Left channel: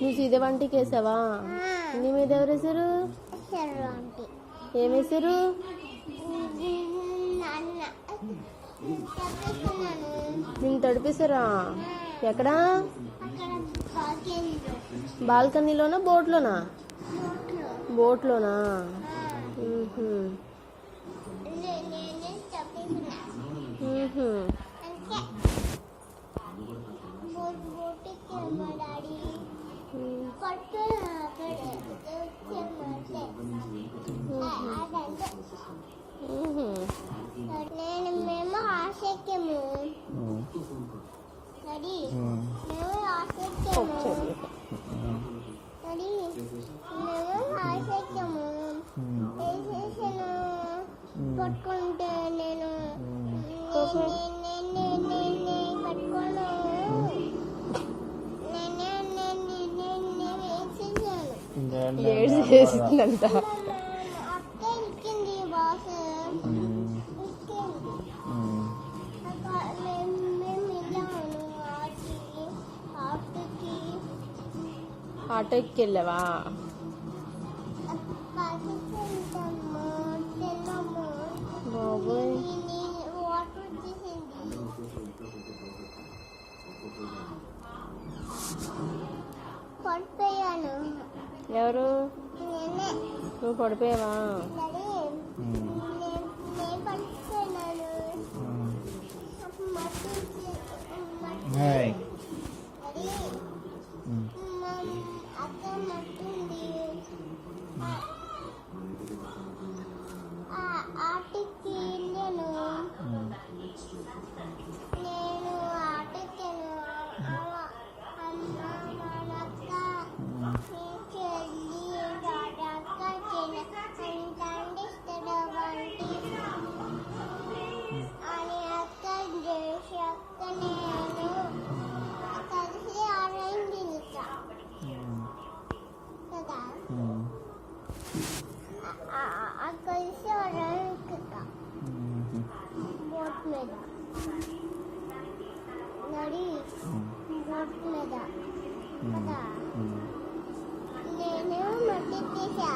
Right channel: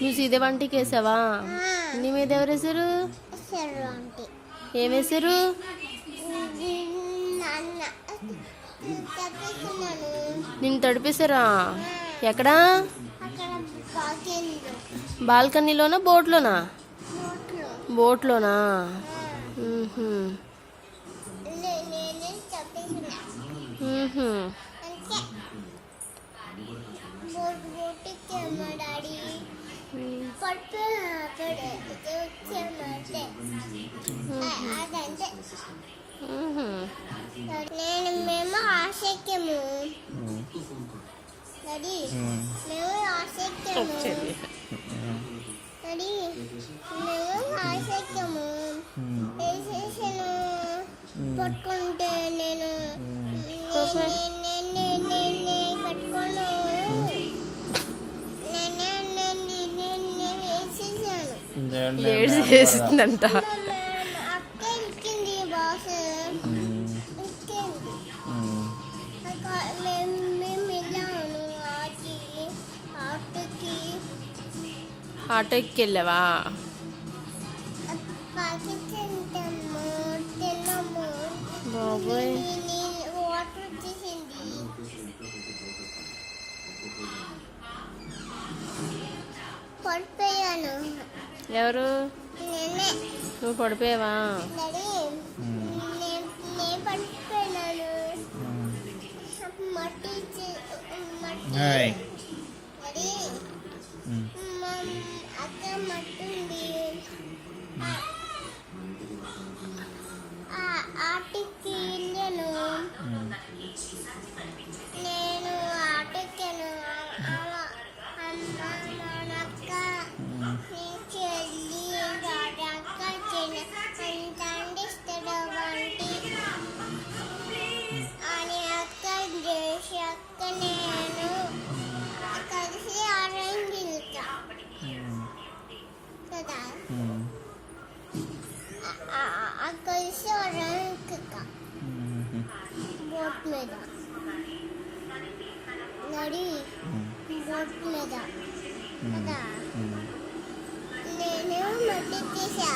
నువ్వు సీదే వంటికి వేసావా? నీ మీద ఎవరు వేసారు? ఏం వేసారు? నిన్ను తడిపేశారా? ఎక్కడా? బాల్కనీలోనా బోట్లోనా? బోట్లోనా? మేము ఆశక్యము మేము ఆశక్యము వేసేసాను పట్టుకుంటే నేను పట్టుకోను వేసేసిందంట. అక్క ఇచ్చింది బాస్ మేము వెళ్ళాము ఆటో ఎక్కి వెళ్ళావా? తిన్నాము బాబోయ్, వాటర్ వచ్చేసింది. పడిపోయాను. ఎవరు? నేనే. నువ్వు పడిపోయావా? నేను పడిపోయినాను. మట్టి అక్క మట్టి ఉంది. ఆటకి వెళ్ళాను. నేను ఆటెక్కాను. అక్క చెల్లి అక్క అందిస్తాడు వంటి అని అక్క చేసి అక్క నేను కలిసి ఆరెంజ్ వెళ్తా కదా. కలిసి ఆరెంజ్ బోట్ మీద నడి బోట్ మీద కదా. నేను మట్టి తీసా.